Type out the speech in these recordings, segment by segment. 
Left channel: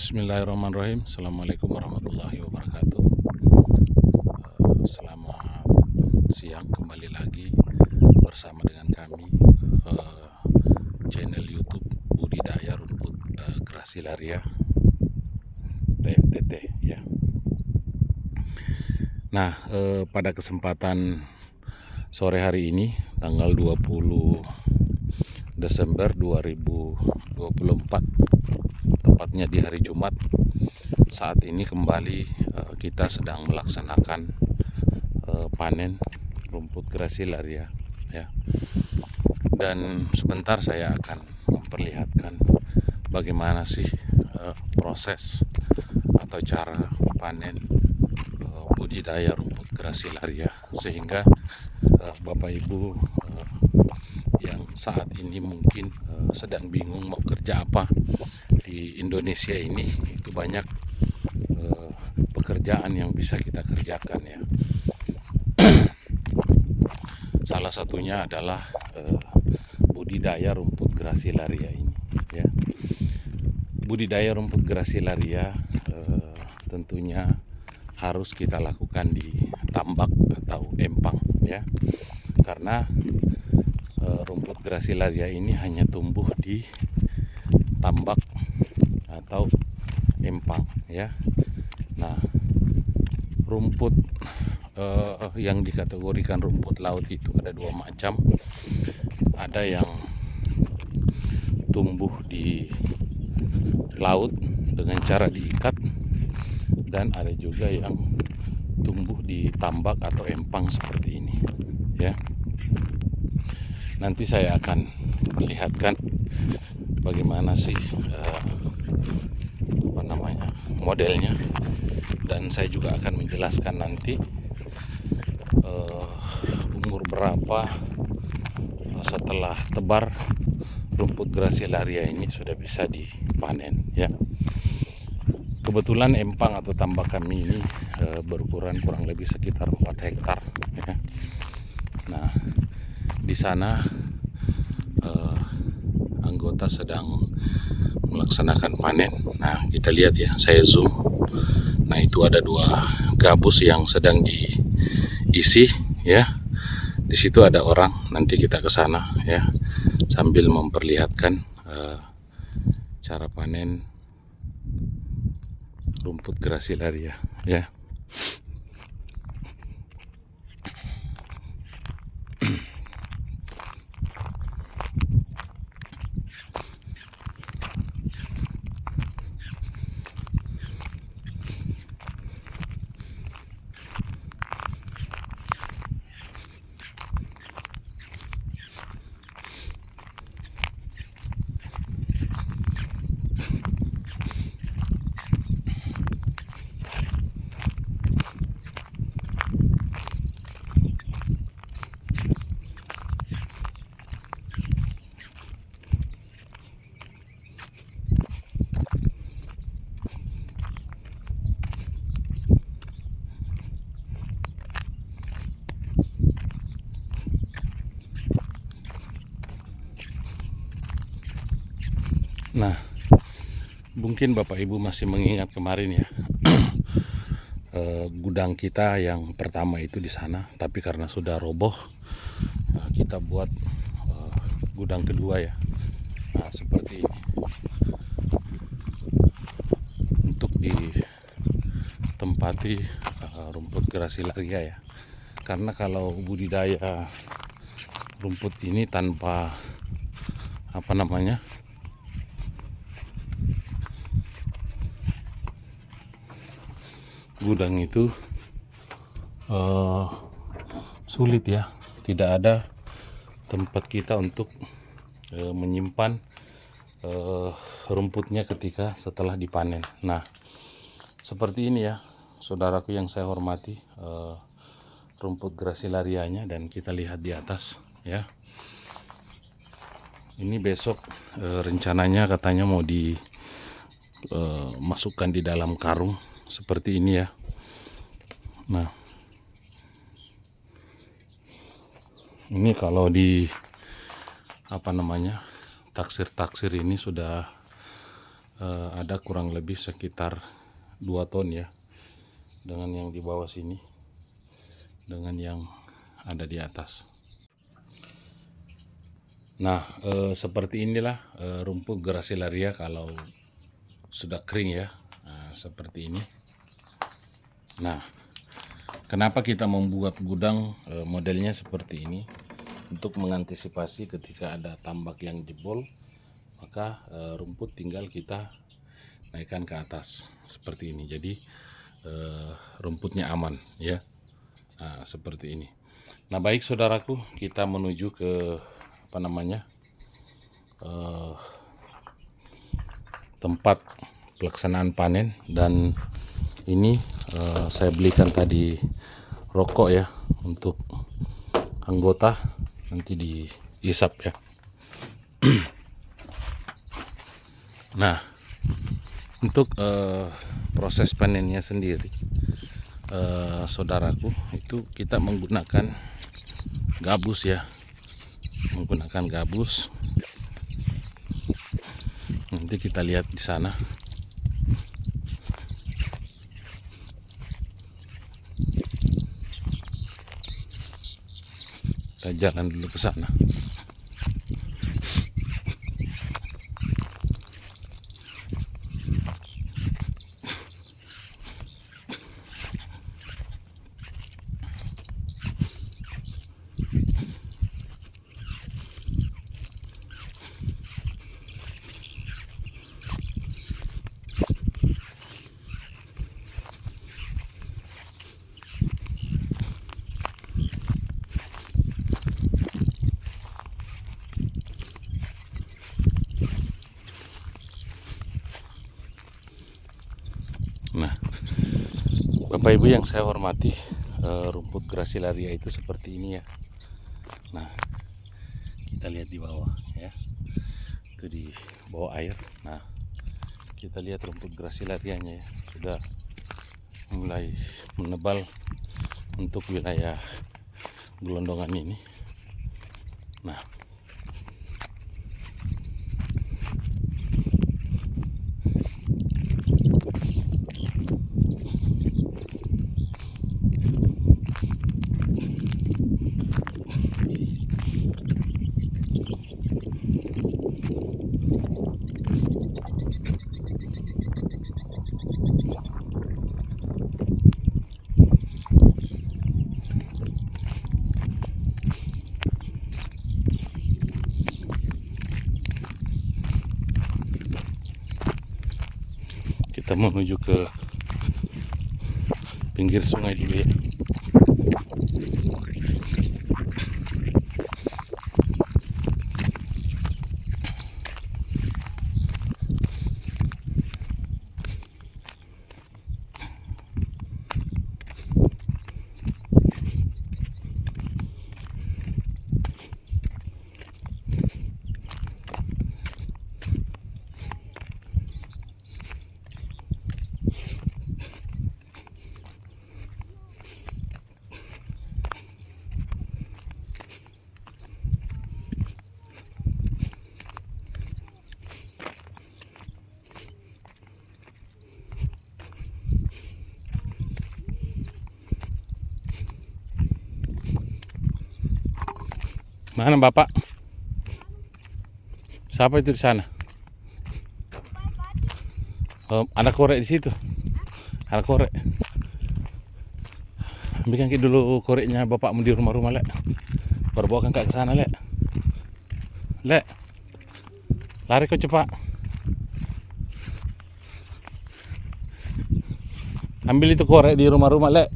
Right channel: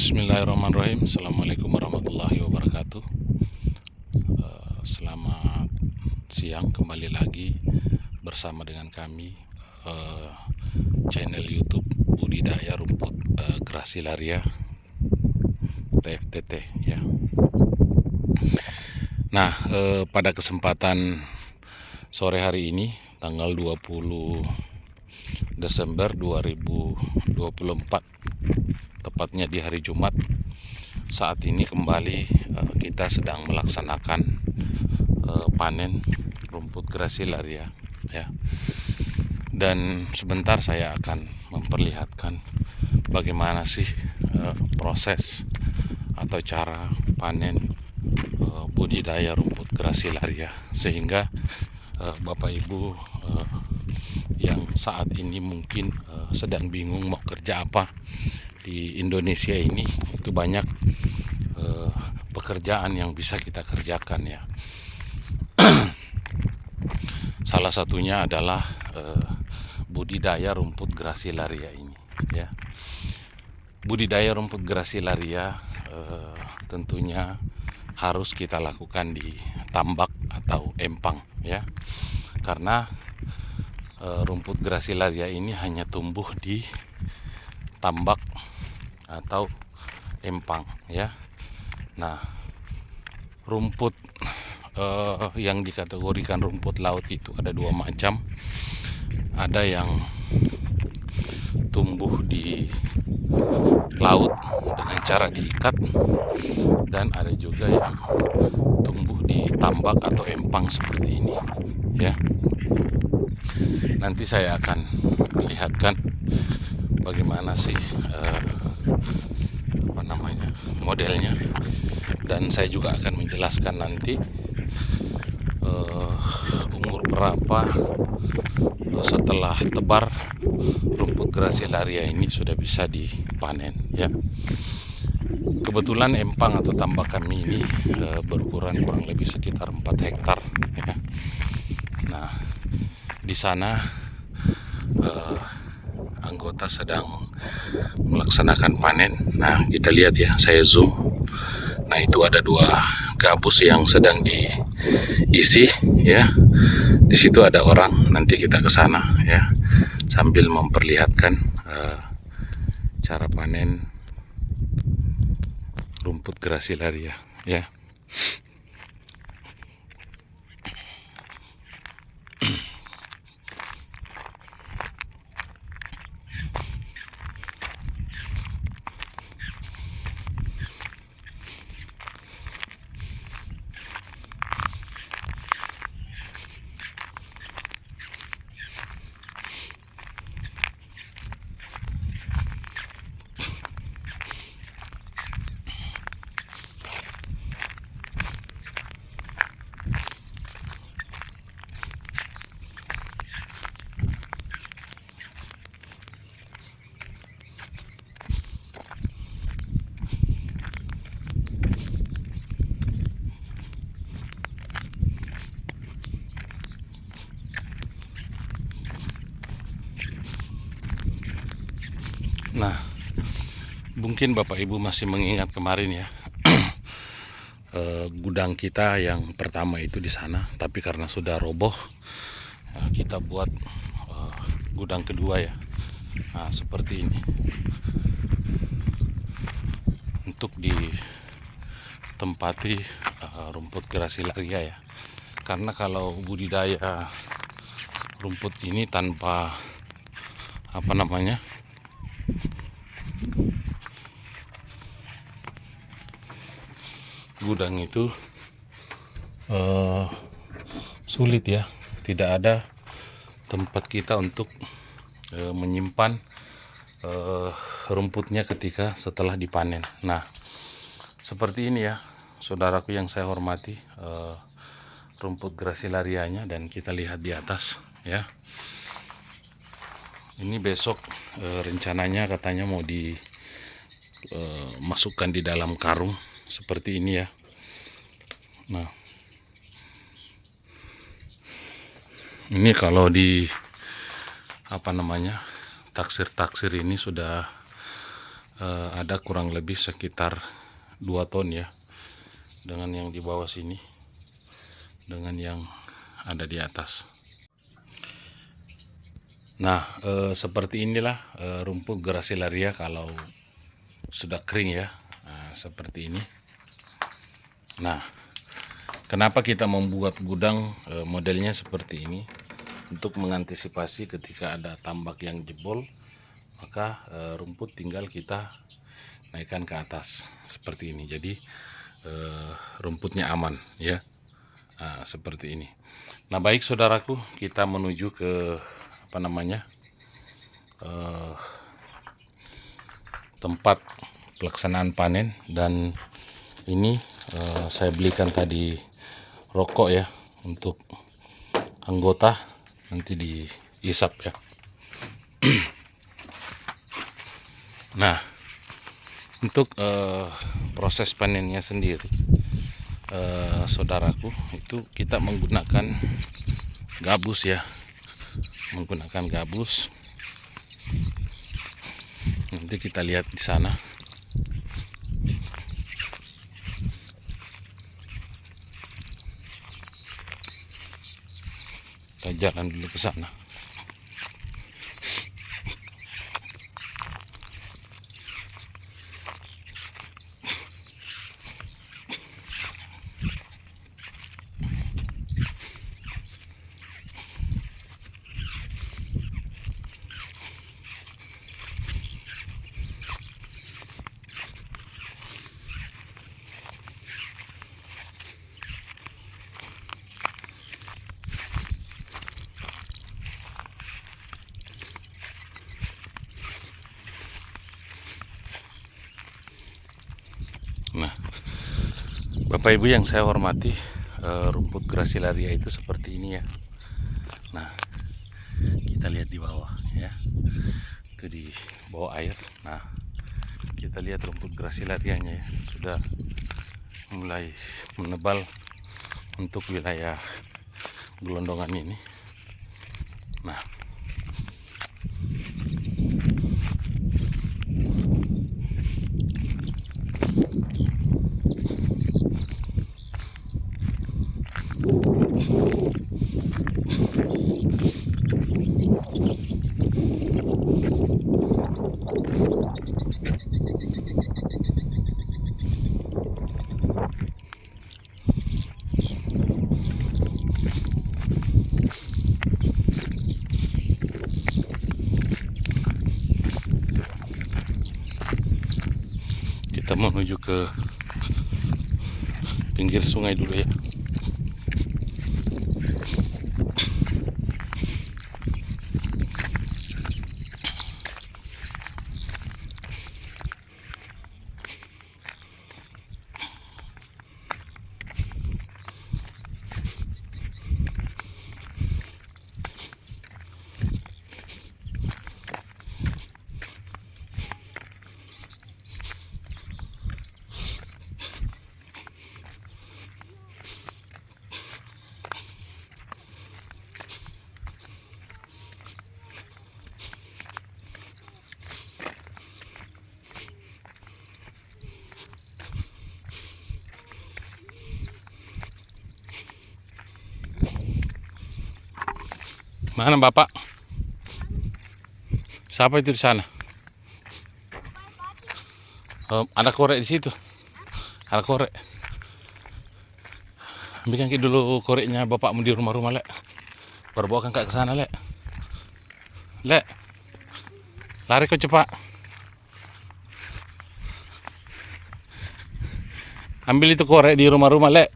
Bismillahirrahmanirrahim. Assalamualaikum warahmatullahi wabarakatuh. Selamat siang, kembali lagi bersama dengan kami, channel YouTube Budidaya Rumput Grasilaria TFTT ya. Nah, pada kesempatan sore hari ini tanggal 20 Desember 2024, tepatnya di hari Jumat, saat ini kembali kita sedang melaksanakan panen rumput grasilaria ya. Dan sebentar saya akan memperlihatkan bagaimana sih proses atau cara panen budidaya rumput grasilaria, sehingga Bapak Ibu yang saat ini mungkin sedang bingung mau kerja apa di Indonesia ini, itu banyak pekerjaan yang bisa kita kerjakan ya. Salah satunya adalah budidaya rumput grasilaria ini ya. Budidaya rumput grasilaria tentunya harus kita lakukan di tambak atau empang ya, karena rumput grasilaria ini hanya tumbuh di tambak atau empang ya. Nah, rumput yang dikategorikan rumput laut itu ada dua macam. Ada yang tumbuh di laut dengan cara diikat, dan ada juga yang tumbuh di tambak atau empang seperti ini ya. Nanti saya akan perlihatkan bagaimana sih modelnya, dan saya juga akan menjelaskan nanti umur berapa setelah tebar rumput grasilaria ini sudah bisa dipanen ya. Kebetulan empang atau tambak kami ini berukuran kurang lebih sekitar 4 hektar ya. Nah, di sana anggota sedang melaksanakan panen. Nah, kita lihat ya, saya zoom. Nah, itu ada 2 gabus yang sedang diisi ya. Di situ ada orang. Nanti kita ke sana ya, sambil memperlihatkan cara panen rumput grasilaria ya. Nah, mungkin Bapak Ibu masih mengingat kemarin ya, gudang kita yang pertama itu di sana, tapi karena sudah roboh, kita buat gudang kedua ya. Nah, seperti ini untuk ditempati rumput grasilaria ya. Karena kalau budidaya rumput ini tanpa gudang itu sulit ya, tidak ada tempat kita untuk menyimpan rumputnya ketika setelah dipanen. Nah, seperti ini ya saudaraku yang saya hormati, rumput grasilarianya, dan kita lihat di atas ya. Ini besok rencananya katanya mau dimasukkan di dalam karung seperti ini ya. Nah, ini kalau di taksir-taksir ini sudah ada kurang lebih sekitar 2 ton ya, dengan yang di bawah sini dengan yang ada di atas. Nah, seperti inilah rumput Gracilaria kalau sudah kering ya. Nah, seperti ini. Nah, kenapa kita membuat gudang modelnya seperti ini? Untuk mengantisipasi ketika ada tambak yang jebol, maka rumput tinggal kita naikkan ke atas seperti ini. Jadi rumputnya aman ya. Nah, seperti ini. Nah, baik saudaraku, kita menuju ke tempat pelaksanaan panen. Dan ini saya belikan tadi rokok ya untuk anggota, nanti dihisap ya. Nah, untuk proses panennya sendiri, saudaraku, itu kita menggunakan gabus ya, nanti kita lihat di sana. Kita jalan dulu ke sana. Nah, Bapak Ibu yang saya hormati, rumput Gracilaria itu seperti ini ya. Nah, kita lihat di bawah ya, itu di bawah air. Nah, kita lihat rumput Gracilarianya ya, sudah mulai menebal untuk wilayah gelondongan ini. Nah, kita menuju ke pinggir sungai dulu ya. Mana Bapak? Siapa itu di sana? Ada korek di situ. Ada korek. Ambilkan dulu koreknya bapakmu di rumah-rumah, Lek. Baru bawa ke sana, Lek. Lek. Lari kau cepat. Ambil itu korek di rumah-rumah, Lek.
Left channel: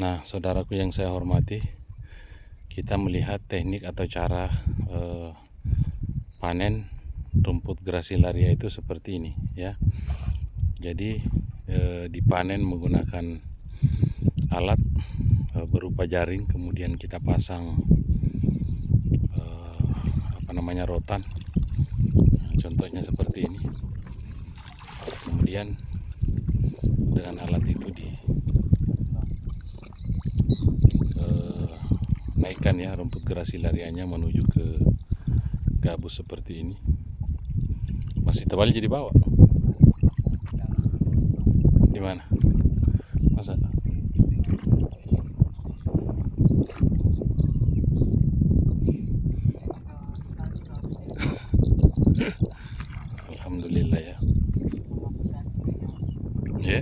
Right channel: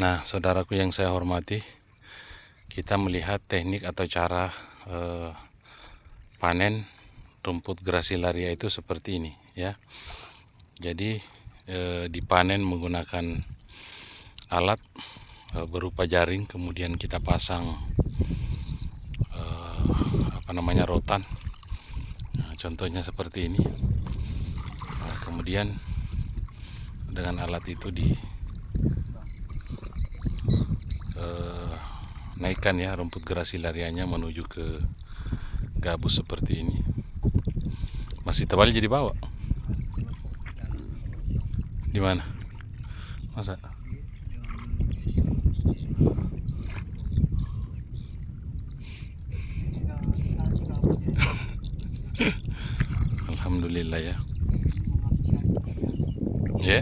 Nah, saudaraku yang saya hormati, kita melihat teknik atau cara panen rumput Gracilaria itu seperti ini ya. Jadi dipanen menggunakan alat berupa jaring, kemudian kita pasang rotan. Nah, contohnya seperti ini. Kemudian dengan alat itu naikkan ya rumput Gracilarianya menuju ke gabus seperti ini. Masih tebal jadi bawa. Di mana? Masa? Alhamdulillah ya. Ya.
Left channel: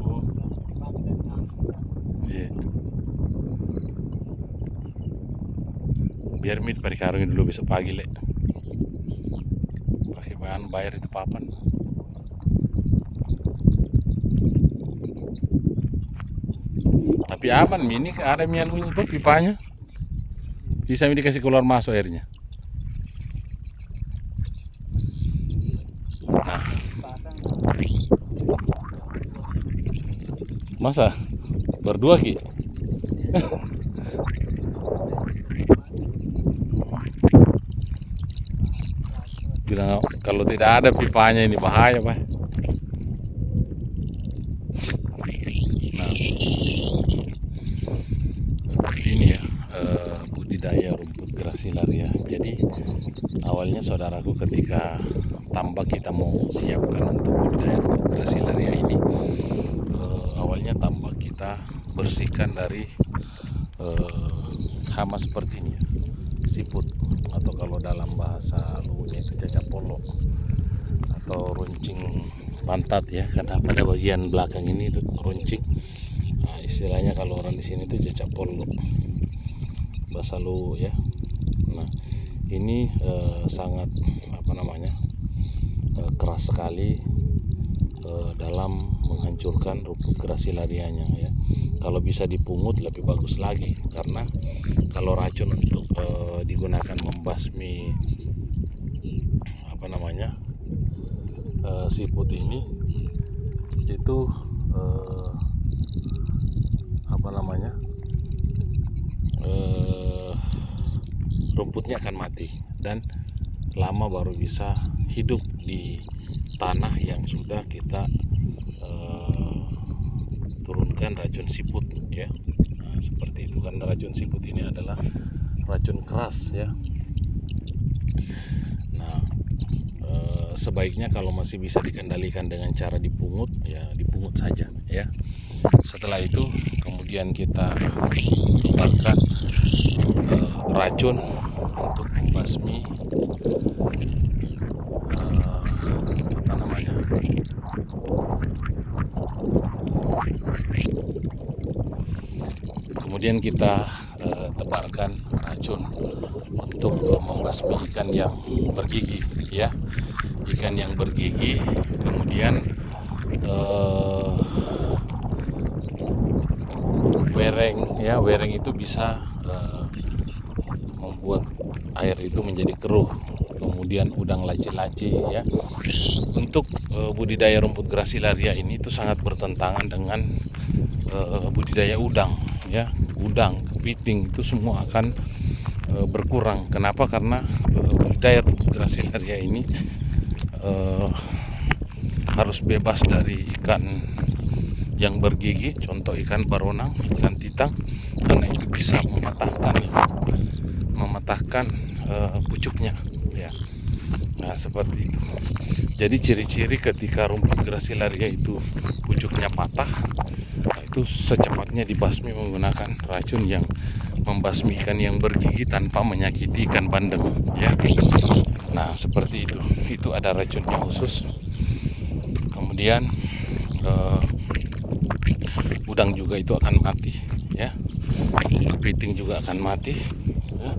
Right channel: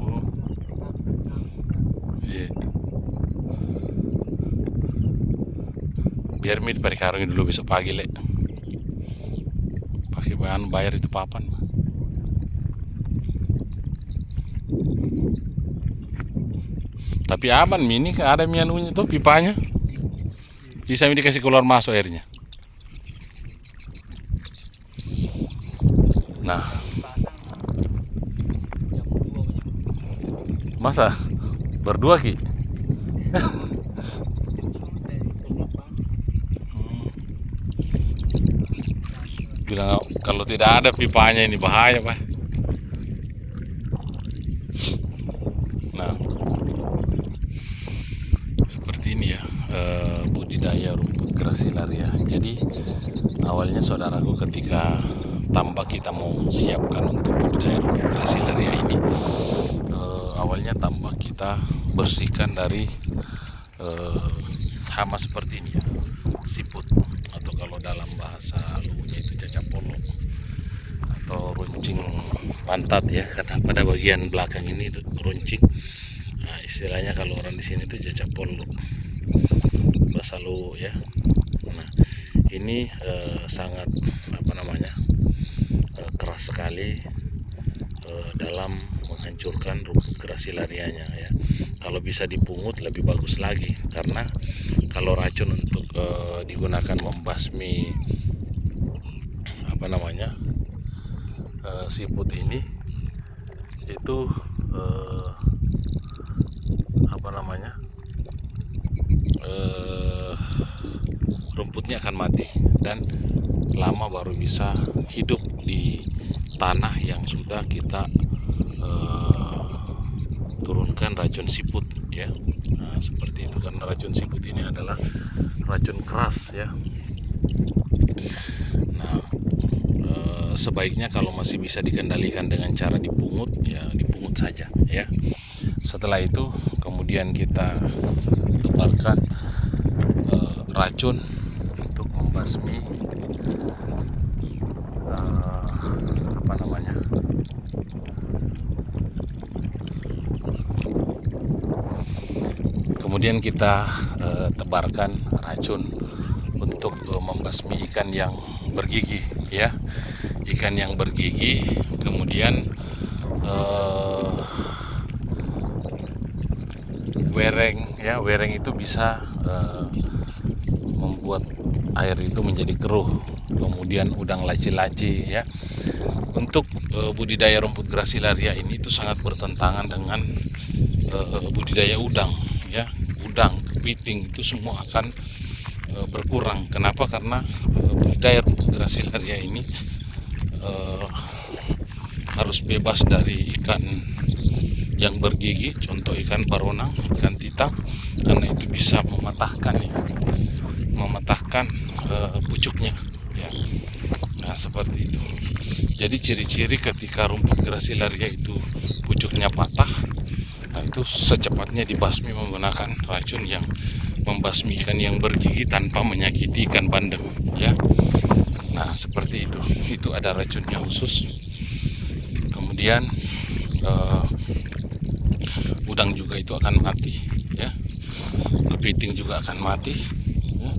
Oh. Iya. Biar mid pakai karungnya dulu besok pagi le. Pakai bahan bayar itu papan. Tapi aman mini ada mianunya tuh pipanya. Bisa dikasih keluar masuk airnya. Nah, masa berdua ki? Bilang kalau tidak ada pipanya ini bahaya pak. Nah, seperti ini ya budidaya rumput Gracilaria. Jadi awalnya saudaraku ketika tambak kita mau siapkan untuk budidaya rumput Gracilaria ini, awalnya tambak kita bersihkan dari hama seperti ini ya, siput atau kalau dalam bahasa luwuhnya itu cacak polok atau runcing pantat ya, karena pada bagian belakang ini itu runcing. Nah, istilahnya kalau orang di sini itu cacak polok bahasa luwuh ya. Nah, ini sangat keras sekali dalam menghancurkan rumput Gracilarianya ya. Kalau bisa dipungut lebih bagus lagi, karena kalau racun untuk digunakan membasmi siput ini itu rumputnya akan mati dan lama baru bisa hidup di tanah yang sudah kita turunkan racun siput ya. Nah, seperti itu, karena racun siput ini adalah racun keras ya. Nah, sebaiknya kalau masih bisa dikendalikan dengan cara dipungut ya dipungut saja ya. Setelah itu kemudian kita tebarkan racun untuk membasmi kemudian kita tebarkan racun untuk membasmi ikan yang bergigi ya, ikan yang bergigi. Kemudian wereng ya, wereng itu bisa membuat air itu menjadi keruh. Kemudian udang laci-laci ya. untuk budidaya rumput grasilaria ini itu sangat bertentangan dengan budidaya udang, ya. Udang, kepiting itu semua akan berkurang. Kenapa? Karena budidaya rumput grasilaria ini harus bebas dari ikan yang bergigi, contoh ikan baronang, ikan titam, karena itu bisa mematahkan pucuknya, ya. Nah, seperti itu. Jadi ciri-ciri ketika rumput grasilaria itu pucuknya patah, nah itu secepatnya dibasmi menggunakan racun yang membasmi ikan yang bergigi tanpa menyakiti ikan bandeng, ya. Nah, seperti itu. Itu ada racunnya khusus. Kemudian udang juga itu akan mati, ya. Kepiting juga akan mati, ya.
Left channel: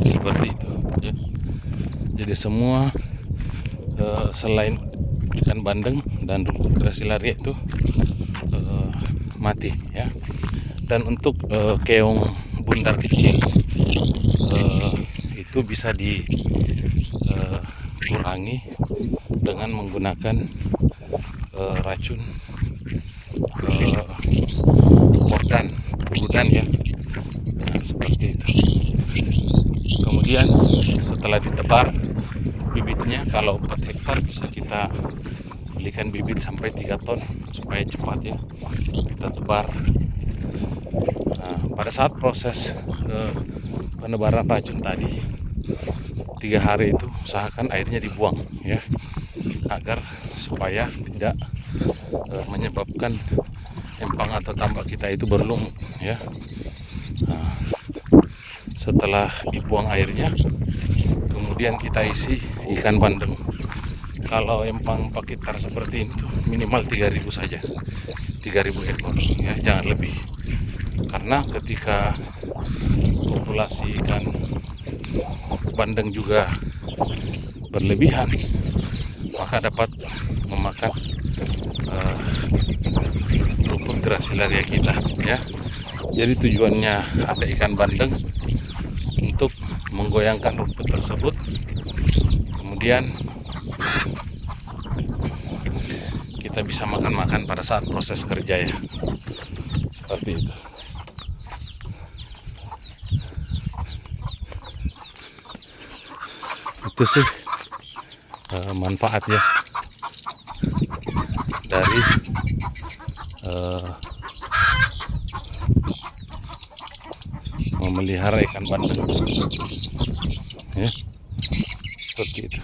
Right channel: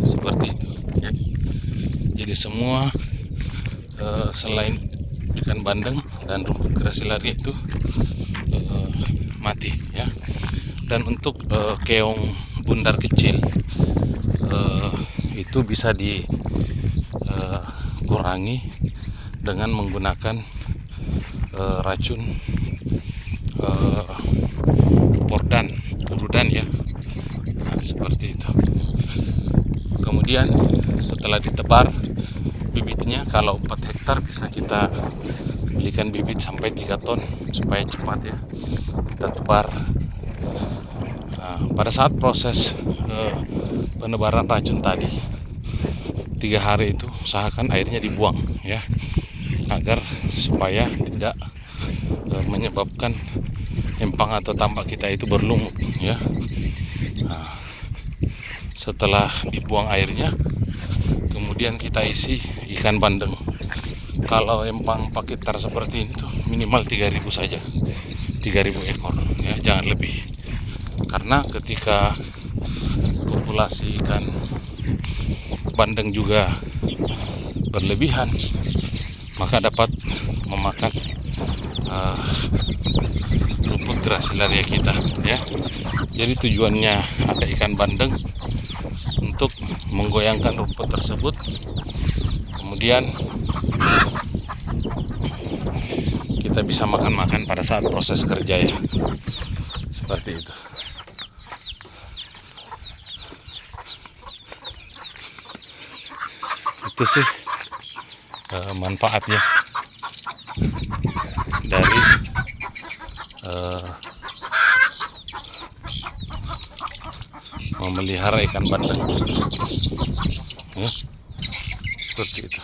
Seperti itu, ya. Jadi semua selain ikan bandeng dan rumput grasilaria itu mati, ya. Dan untuk keong bundar kecil itu bisa dikurangi dengan menggunakan racun purdan, ya. Nah, seperti itu. Kemudian setelah ditebar bibitnya, kalau 4 hektar bisa kita belikan bibit sampai 3 ton supaya cepat, ya, kita tebar. Nah, pada saat proses penebaran racun tadi 3 hari itu usahakan airnya dibuang, ya, agar supaya tidak menyebabkan empang atau tambak kita itu berlumut, ya. Nah, setelah dibuang airnya, kemudian kita isi ikan bandeng. Kalau empang pakitar seperti ini tuh minimal 3.000 saja, 3.000 ekor, ya, jangan lebih. Karena ketika populasi ikan bandeng juga berlebihan, maka dapat memakan rumput grasilaria kita, ya. Jadi tujuannya ada ikan bandeng untuk menggoyangkan rumput tersebut, kemudian kita bisa makan pada saat proses kerja, ya. Seperti itu. Itu sih manfaatnya dari memelihara ikan bandeng, ya. Seperti itu.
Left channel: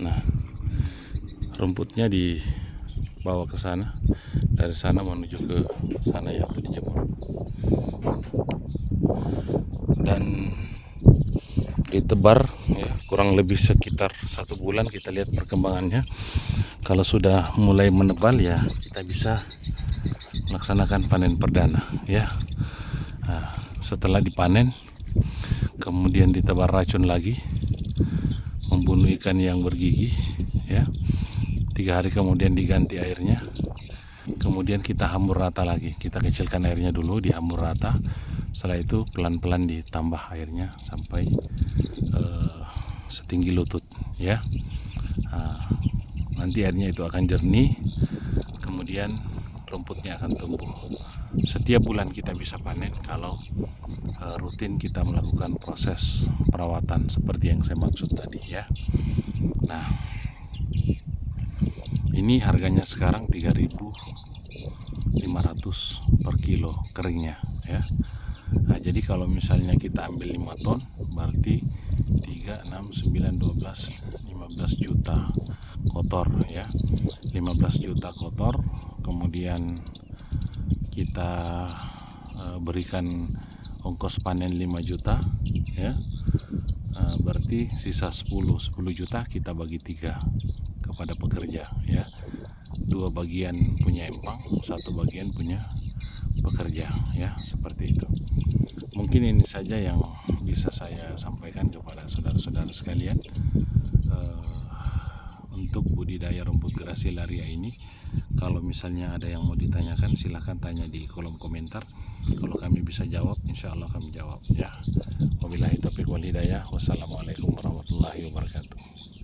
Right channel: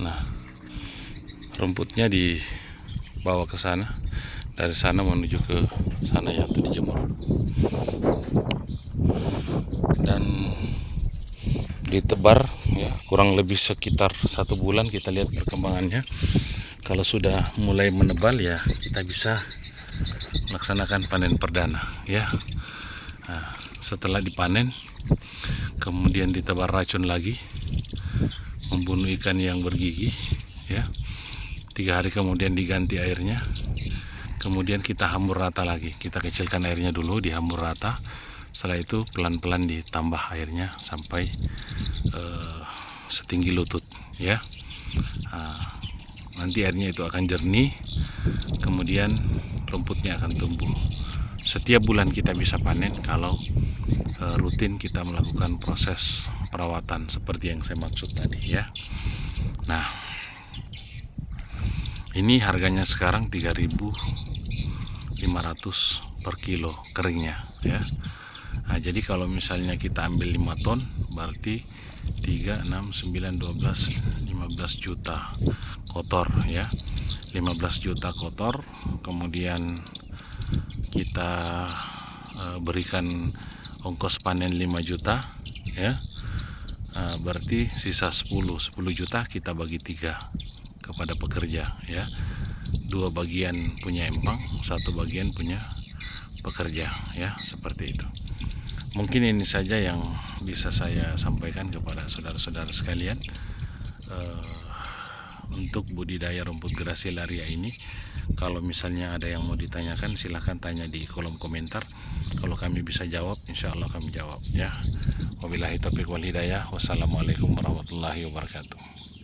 Nah, rumputnya dibawa ke sana, dari sana menuju ke sana, ya, untuk dijemur. Dan ditebar, ya, kurang lebih sekitar 1 bulan. Kita lihat perkembangannya. Kalau sudah mulai menebal, ya, kita bisa melaksanakan panen perdana, ya. Nah, setelah dipanen, kemudian ditebar racun lagi, membunuh ikan yang bergigi, ya. 3 hari kemudian diganti airnya, kemudian kita hamur rata lagi. Kita kecilkan airnya dulu, dihambur rata. Setelah itu pelan-pelan ditambah airnya sampai setinggi lutut, ya. Nah, nanti airnya itu akan jernih, kemudian rumputnya akan tumbuh. Setiap bulan kita bisa panen kalau rutin kita melakukan proses perawatan seperti yang saya maksud tadi, ya. Nah, ini harganya sekarang 3.500 per kilo keringnya, ya. Nah, jadi kalau misalnya kita ambil 5 ton, berarti 3, 6, 9, 12, 15 juta kotor, ya. 15 juta kotor, kemudian kita berikan ongkos panen 5 juta, ya. Berarti sisa 10 juta kita bagi 3 kepada pekerja, ya. 2 bagian punya empang, 1 bagian punya bekerja ya, seperti itu. Mungkin ini saja yang bisa saya sampaikan kepada saudara-saudara sekalian untuk budidaya rumput grasilaria ini. Kalau misalnya ada yang mau ditanyakan, silahkan tanya di kolom komentar. Kalau kami bisa jawab, insya Allah kami jawab ya. Wabillahi taufiq wal hidayah. Wassalamualaikum warahmatullahi wabarakatuh.